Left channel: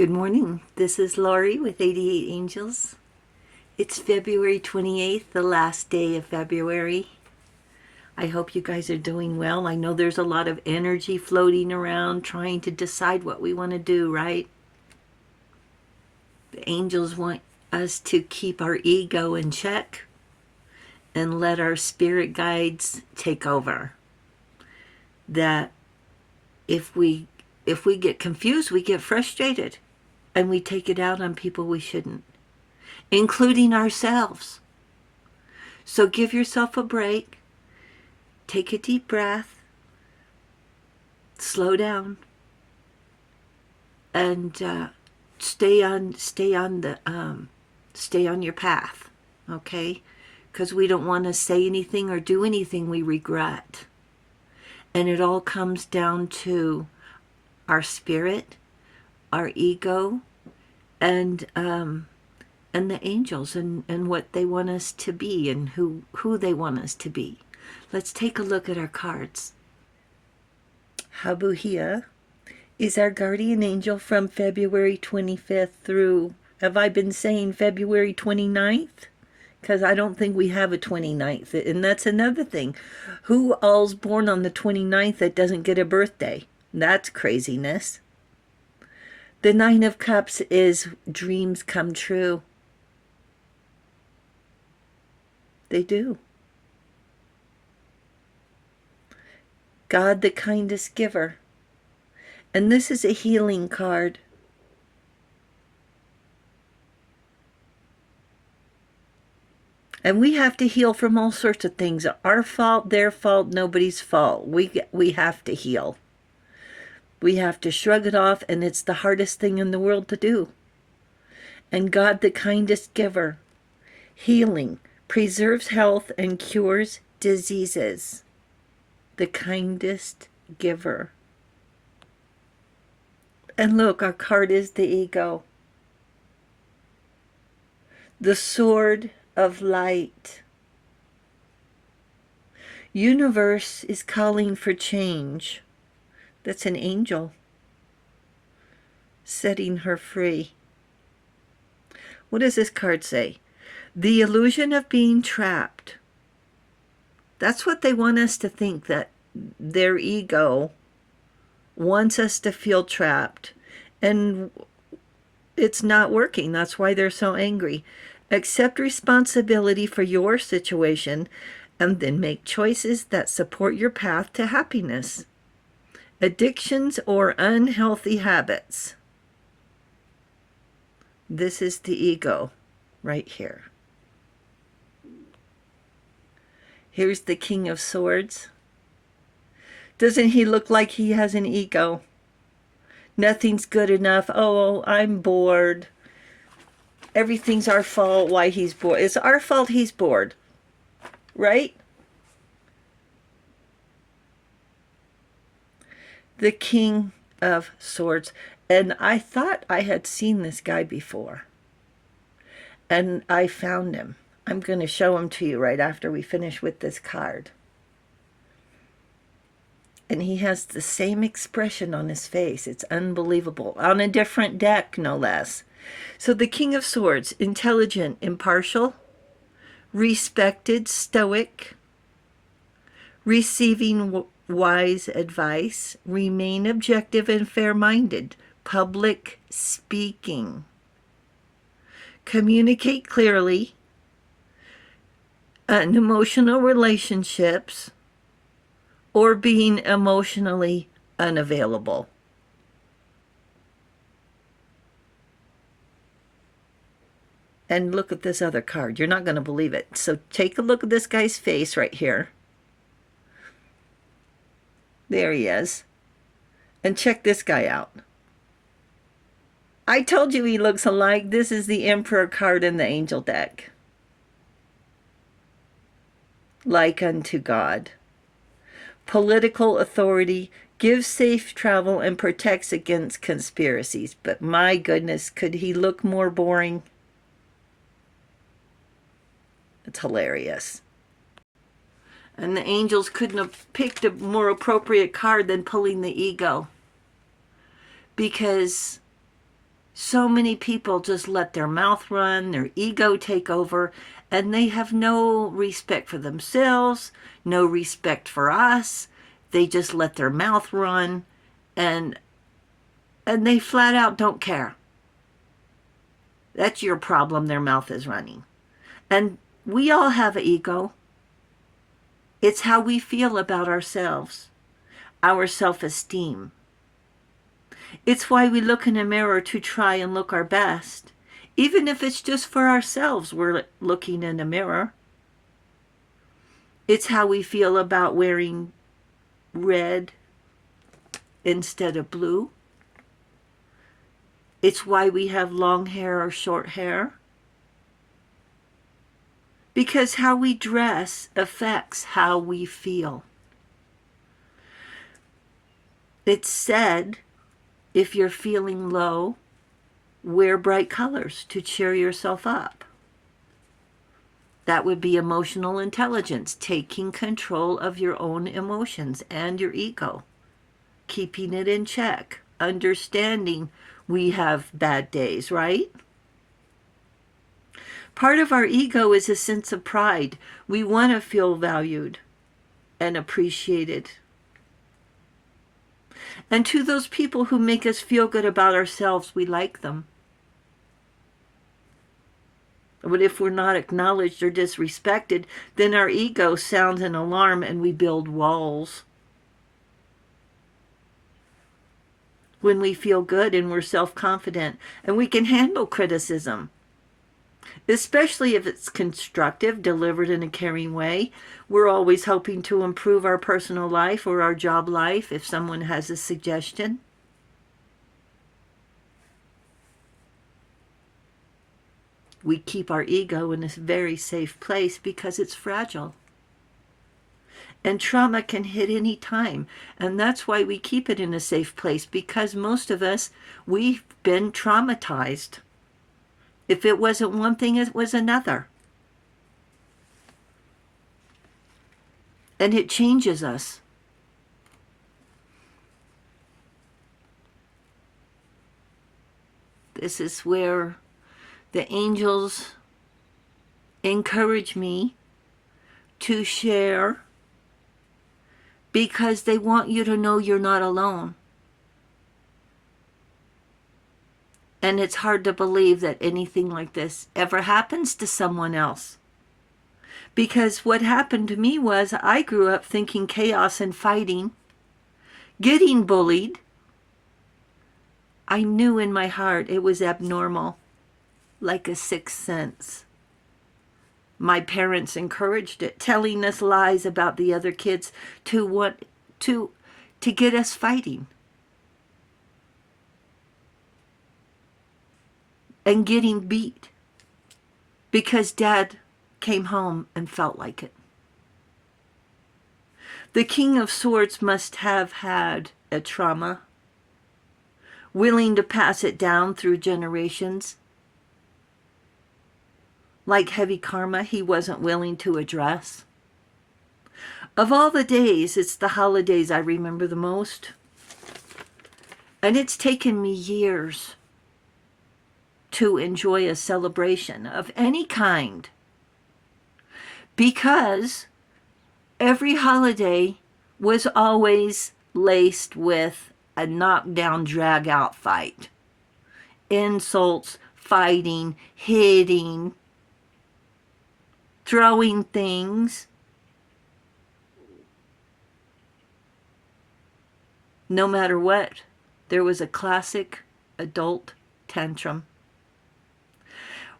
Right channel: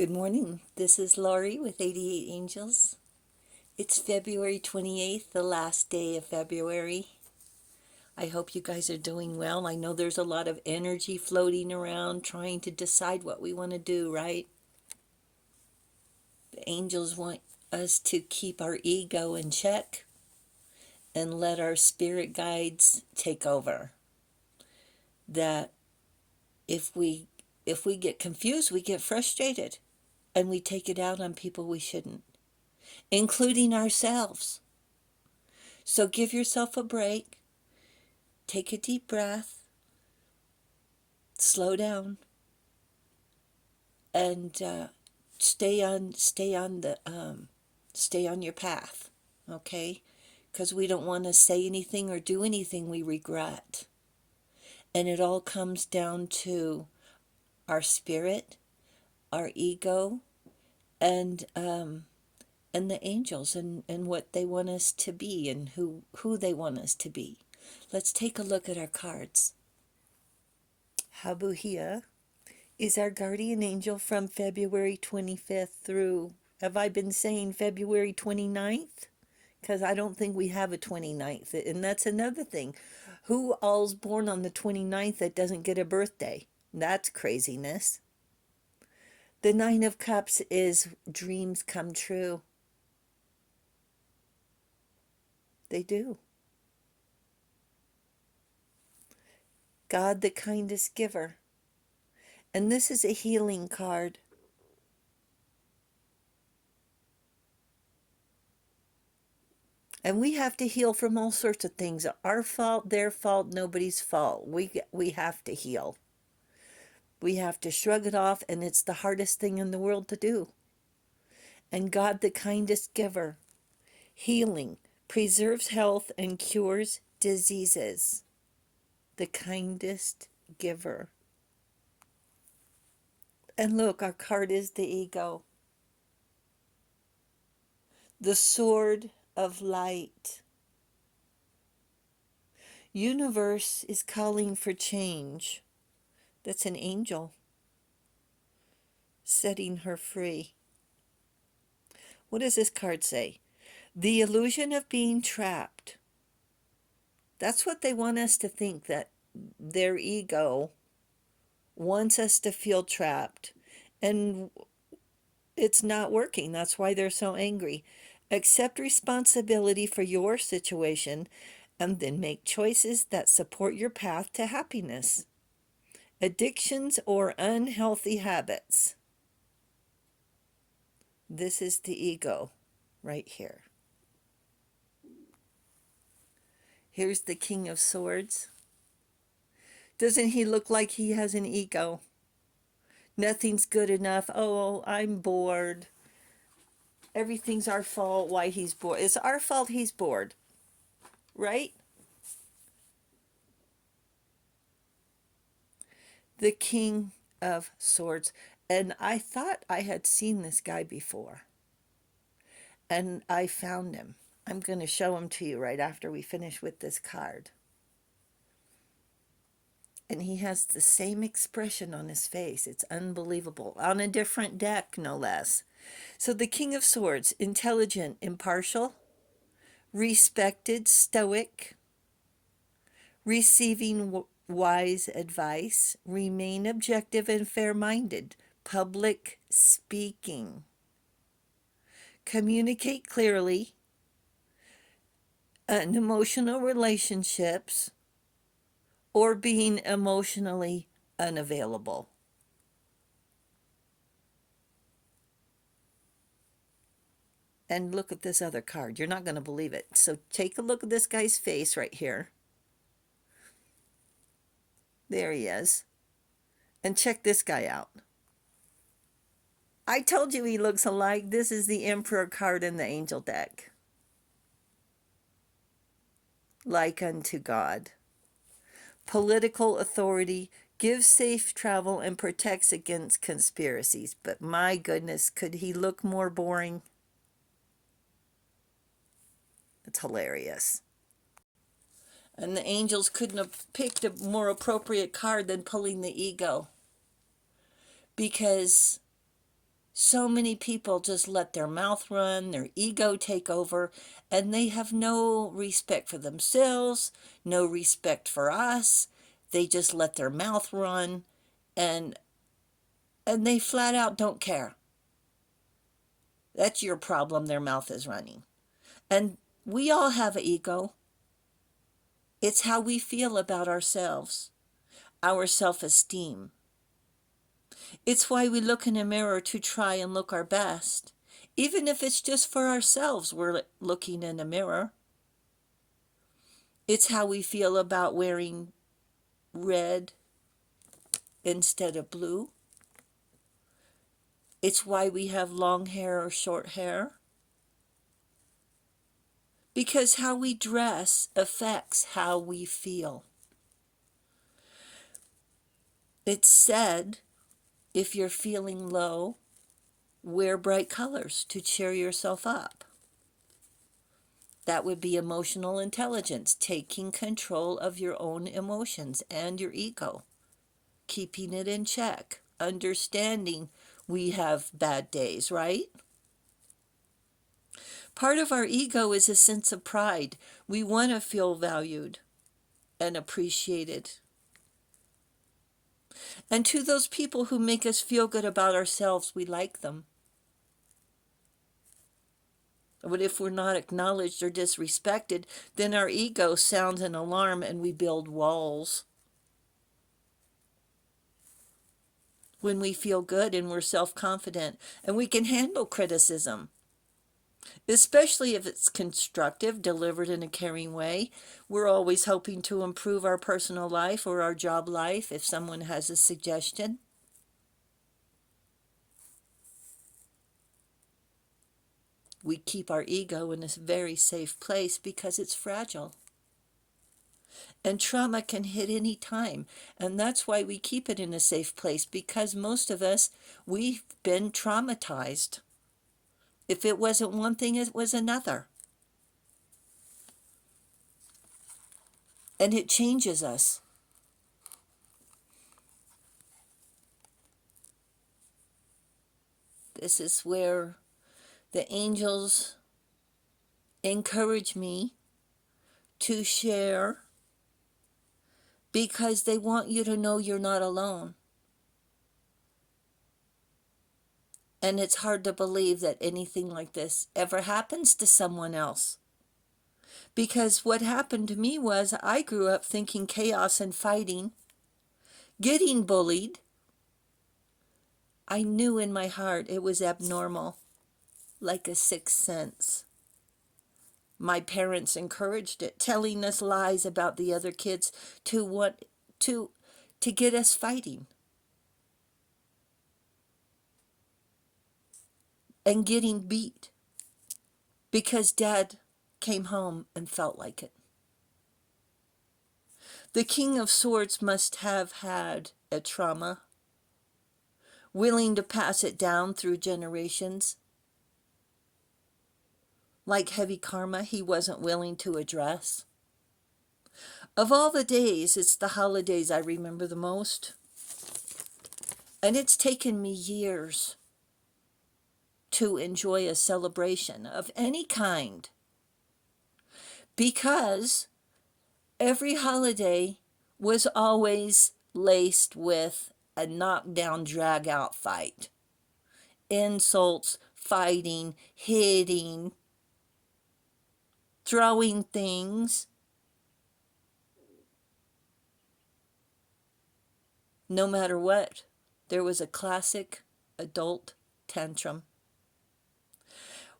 Good morning. This is Laurie with 88 Angels. It's February 28th, the last day of February. I hope you guys are doing well. I know there's a lot of energy floating around trying to decide what we want to do, right? The angels want us to keep our ego in check and let our spirit guides take over. That if we get confused, we get frustrated and we take it out on people we shouldn't, including ourselves. So give yourself a break, take a deep breath, slow down, and stay on your path, okay? Because we don't want to say anything or do anything we regret. And it all comes down to our spirit, our ego, and the angels and what they want us to be and who they want us to be. Let's take a look at our cards. Habuhia is our guardian angel from February 25th through, have I been saying February 29th? Because I don't think we have a 29th. And that's another thing. Who all's born on the 29th that doesn't get a birthday? That's craziness. The Nine of Cups is dreams come true. They do. God, the kindest giver. And this is a healing card. And we have to heal from all sorts of things. Our fault, their fault, nobody's fault. We have to heal. We have to shrug it off, and it's the hardest thing in the world to do. And God, the kindest giver. Healing. Preserves health and cures diseases. The kindest giver. And look, our card is the ego. The sword of light. Universe is calling for change. That's an angel setting her free. What does this card say? The illusion of being trapped. That's what they want us to think, that their ego wants us to feel trapped. And it's not working. That's why they're so angry. Accept responsibility for your situation and then make choices that support your path to happiness. Addictions or unhealthy habits. This is the ego right here. Here's the King of Swords. Doesn't he look like he has an ego? Nothing's good enough. Oh, I'm bored. Everything's our fault why he's bored. It's our fault he's bored, right? The King of Swords. And I thought I had seen this guy before. And I found him. I'm going to show him to you right after we finish with this card. And he has the same expression on his face. It's unbelievable. On a different deck, no less. So the King of Swords, intelligent, impartial, respected, stoic, receiving wise advice, remain objective and fair-minded, public speaking, communicate clearly, unemotional relationships, or being emotionally unavailable. And look at this other card. You're not going to believe it. So take a look at this guy's face right here. There he is. And check this guy out. I told you he looks alike. This is the Emperor card in the angel deck. Like unto God. Political authority, gives safe travel, and protects against conspiracies. But my goodness, could he look more boring? It's hilarious. And the angels couldn't have picked a more appropriate card than pulling the ego. Because So many people just let their mouth run, their ego take over, and they have no respect for themselves, no respect for us. They just let their mouth run, and they flat out don't care. That's your problem, their mouth is running. And we all have an ego. It's how we feel about ourselves, our self-esteem. It's why we look in a mirror to try and look our best. Even if it's just for ourselves, we're looking in a mirror. It's how we feel about wearing red instead of blue. It's why we have long hair or short hair. Because how we dress affects how we feel. It's said, if you're feeling low, wear bright colors to cheer yourself up. That would be emotional intelligence, taking control of your own emotions and your ego, keeping it in check, understanding we have bad days, right? Part of our ego is a sense of pride. We want to feel valued and appreciated. And to those people who make us feel good about ourselves, we like them. But if we're not acknowledged or disrespected, then our ego sounds an alarm and we build walls. When we feel good and we're self-confident and we can handle criticism, especially if it's constructive, delivered in a caring way. We're always hoping to improve our personal life or our job life if someone has a suggestion. We keep our ego in a very safe place because it's fragile. And trauma can hit any time. And that's why we keep it in a safe place, because most of us, we've been traumatized. If it wasn't one thing, it was another. And it changes us. This is where the angels encourage me to share, because they want you to know you're not alone. And it's hard to believe that anything like this ever happens to someone else. Because what happened to me was I grew up thinking chaos and fighting, getting bullied. I knew in my heart it was abnormal, like a sixth sense. My parents encouraged it, telling us lies about the other kids to get us fighting. And getting beat because Dad came home and felt like it. The King of Swords must have had a trauma, willing to pass it down through generations. Like heavy karma, he wasn't willing to address. Of all the days, it's the holidays I remember the most. And it's taken me years to enjoy a celebration of any kind, because every holiday was always laced with a knockdown, drag-out fight. Insults, fighting, hitting, throwing things. No matter what, there was a classic adult tantrum.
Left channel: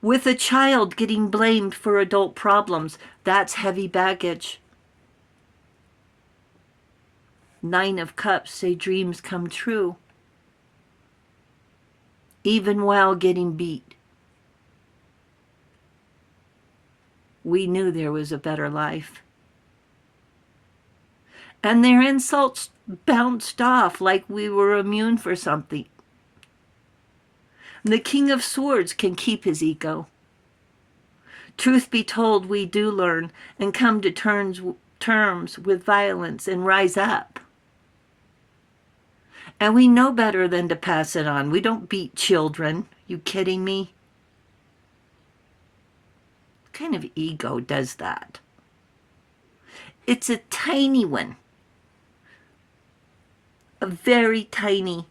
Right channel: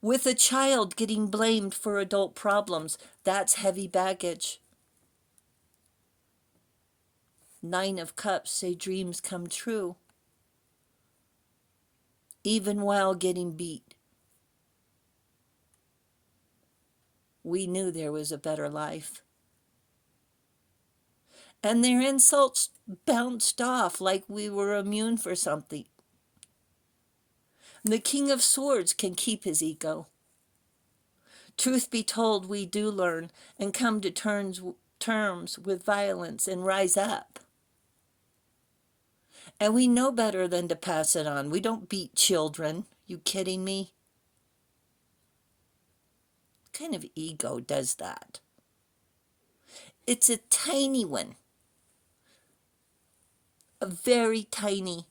With a child getting blamed for adult problems, that's heavy baggage. 9 of Cups say dreams come true, even while getting beat. We knew there was a better life. And their insults bounced off like we were immune for something. The King of Swords can keep his ego. Truth be told, we do learn and come to terms with violence and rise up. And we know better than to pass it on. We don't beat children. You kidding me? What kind of ego does that? It's a tiny one. A very tiny.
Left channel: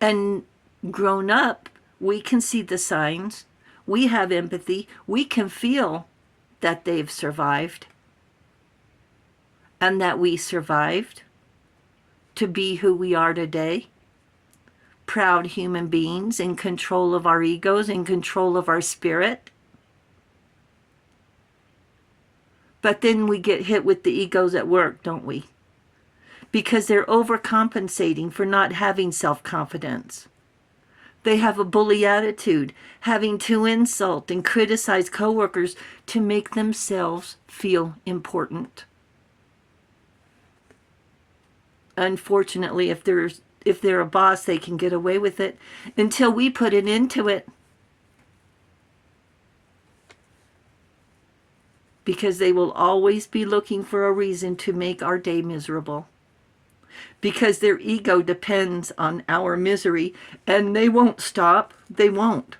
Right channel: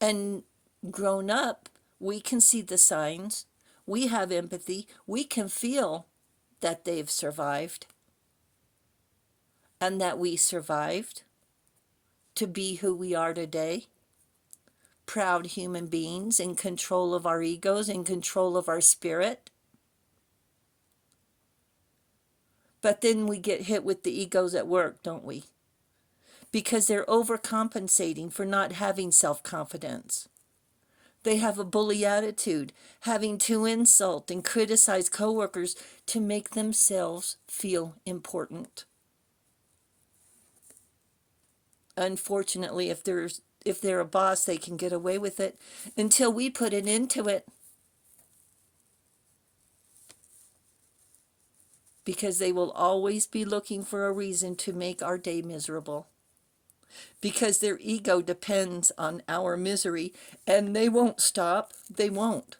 And grown up, we can see the signs. We have empathy. We can feel that they've survived and that we survived to be who we are today. Proud human beings in control of our egos, in control of our spirit. But then we get hit with the egos at work, don't we? Because they're overcompensating for not having self-confidence. They have a bully attitude, having to insult and criticize coworkers to make themselves feel important. Unfortunately, if they're a boss, they can get away with it until we put an end to it. Because they will always be looking for a reason to make our day miserable. Because their ego depends on our misery, and they won't stop. They won't.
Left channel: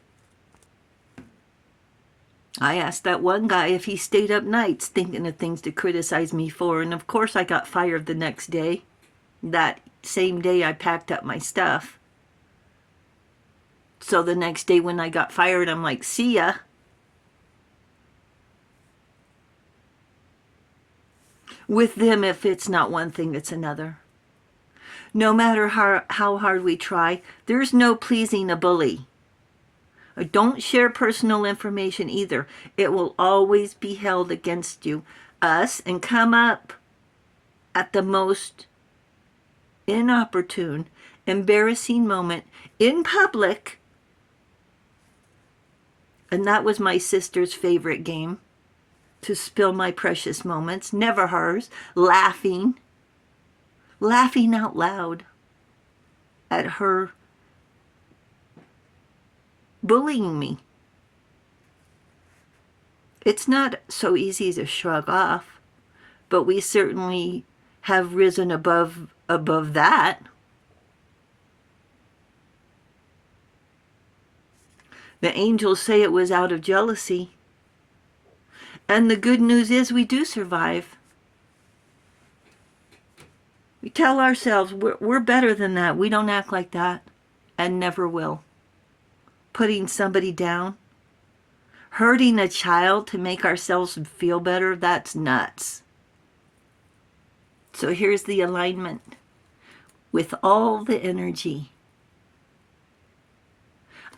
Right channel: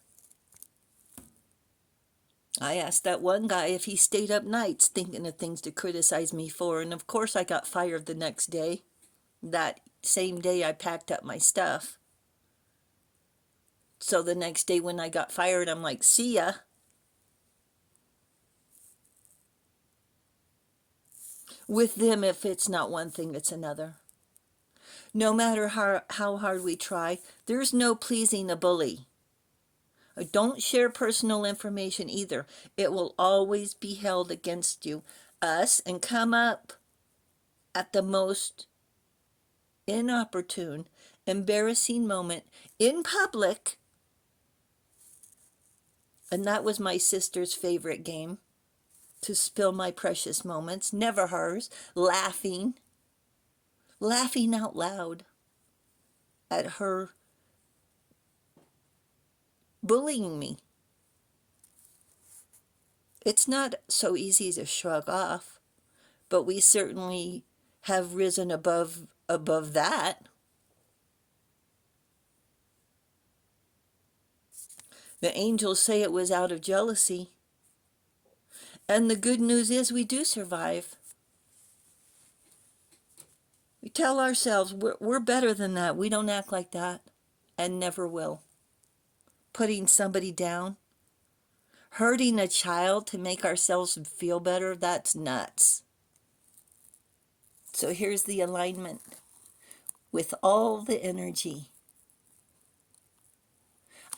I asked that one guy if he stayed up nights thinking of things to criticize me for, and of course I got fired the next day. That same day I packed up my stuff. So the next day when I got fired, I'm like, see ya. With them, if it's not one thing, it's another. No matter how hard we try, there's no pleasing a bully. Don't share personal information either. It will always be held against you, us, and come up at the most inopportune, embarrassing moment in public. And that was my sister's favorite game, to spill my precious moments, never hers, laughing out loud at her bullying me. It's not so easy to shrug off, but we certainly have risen above that. The angels say it was out of jealousy. And the good news is we do survive. We tell ourselves we're better than that. We don't act like that and never will. Putting somebody down, hurting a child to make ourselves feel better, that's nuts. So here's the alignment with all the energy.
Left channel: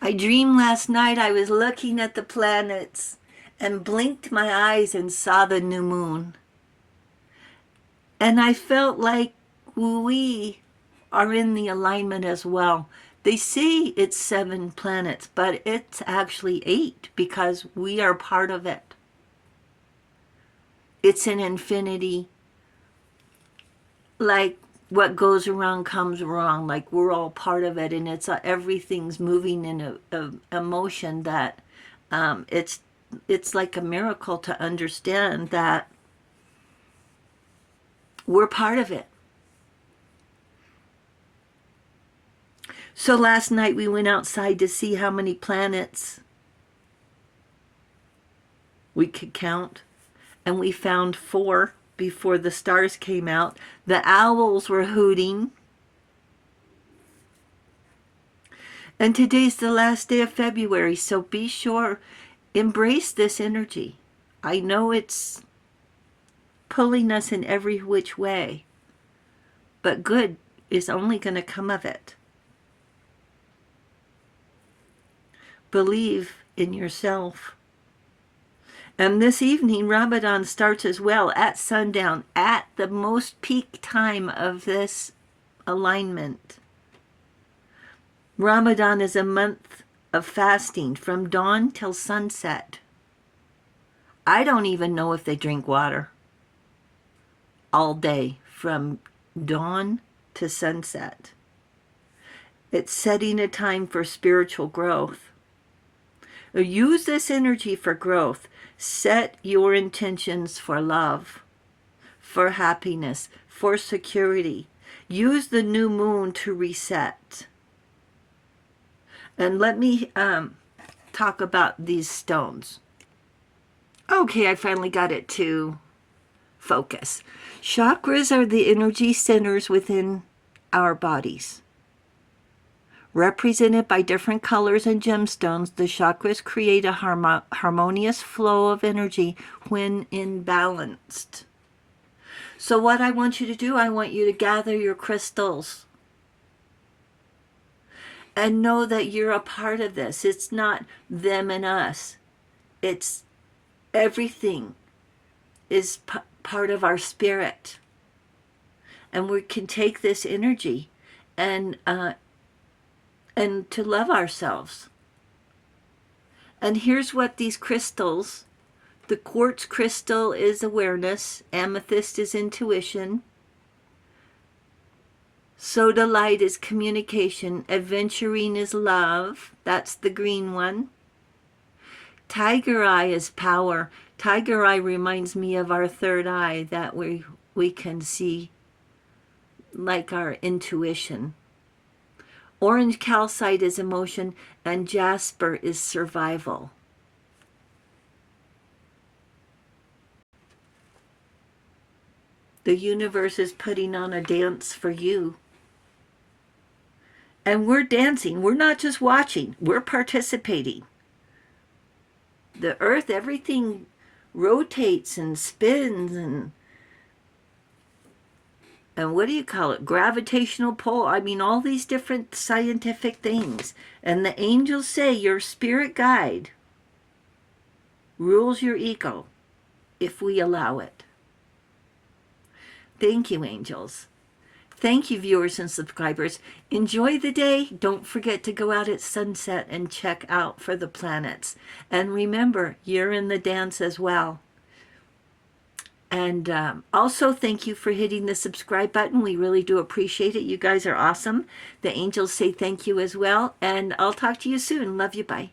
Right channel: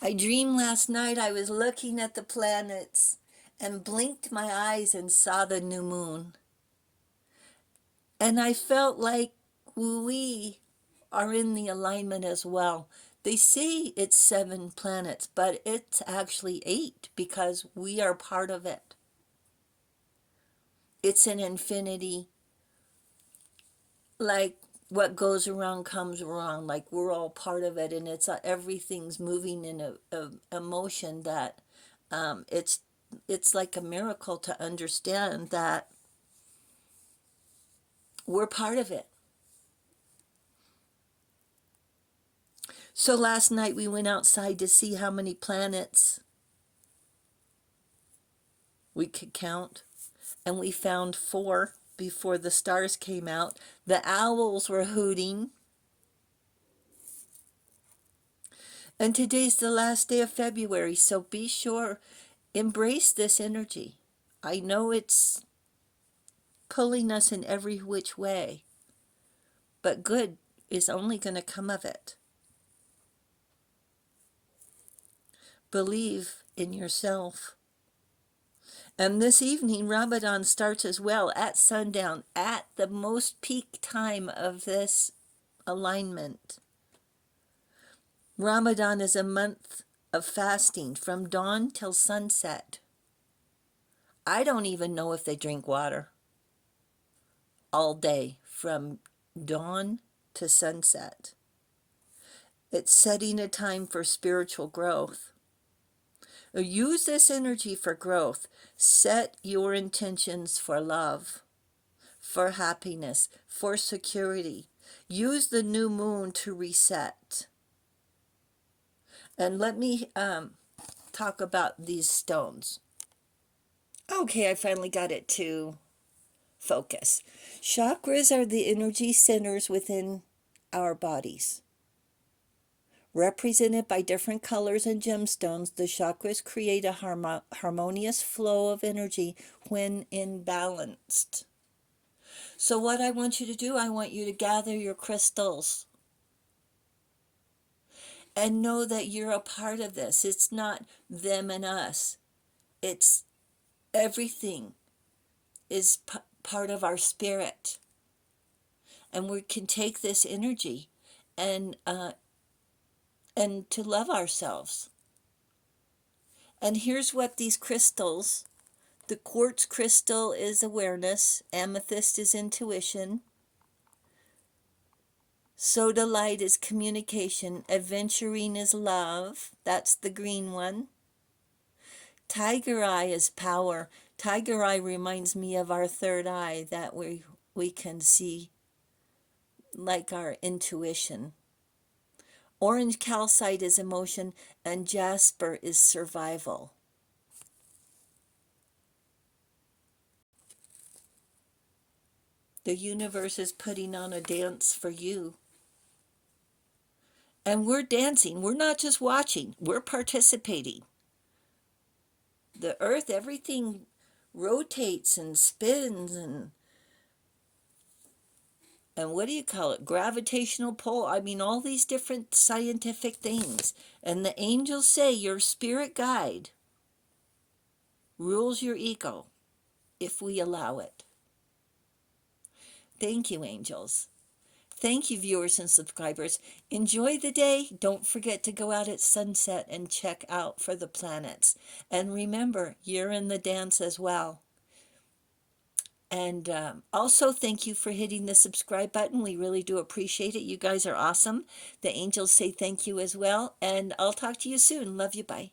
I dreamed last night I was looking at the planets and blinked my eyes and saw the new moon. And I felt like we are in the alignment as well. They say it's 7 planets, but it's actually 8 because we are part of it. It's an infinity. Like what goes around comes around. Like we're all part of it, and it's everything's moving in a motion that it's like a miracle to understand that we're part of it. So last night we went outside to see how many planets we could count, and we found 4 before the stars came out. The owls were hooting. And today's the last day of February, so be sure, embrace this energy. I know it's pulling us in every which way, but good is only going to come of it. Believe in yourself. And this evening, Ramadan starts as well at sundown, at the most peak time of this alignment. Ramadan is a month of fasting from dawn till sunset. I don't even know if they drink water all day from dawn to sunset. It's setting a time for spiritual growth. Use this energy for growth. Set your intentions for love, for happiness, for security. Use the new moon to reset. And let me talk about these stones. Okay, I finally got it to focus. Chakras are the energy centers within our bodies. Represented by different colors and gemstones, the chakras create a harmonious flow of energy when imbalanced. So what I want you to do, I want you to gather your crystals and know that you're a part of this. It's not them and us. It's everything is part of our spirit. And we can take this energy and to love ourselves. And here's what these crystals, the quartz crystal is awareness, amethyst is intuition, sodalite is communication, aventurine is love, that's the green one. Tiger eye is power. Tiger eye reminds me of our third eye, that we can see like our intuition. Orange calcite is emotion, and jasper is survival. The universe is putting on a dance for you. And we're dancing. We're not just watching. We're participating. The earth, everything rotates and spins and what do you call it? Gravitational pull. I mean, all these different scientific things. And the angels say your spirit guide rules your ego if we allow it. Thank you, angels. Thank you, viewers and subscribers. Enjoy the day. Don't forget to go out at sunset and check out for the planets. And remember, you're in the dance as well. And also, thank you for hitting the subscribe button. We really do appreciate it. You guys are awesome. The angels say thank you as well. And I'll talk to you soon. Love you. Bye.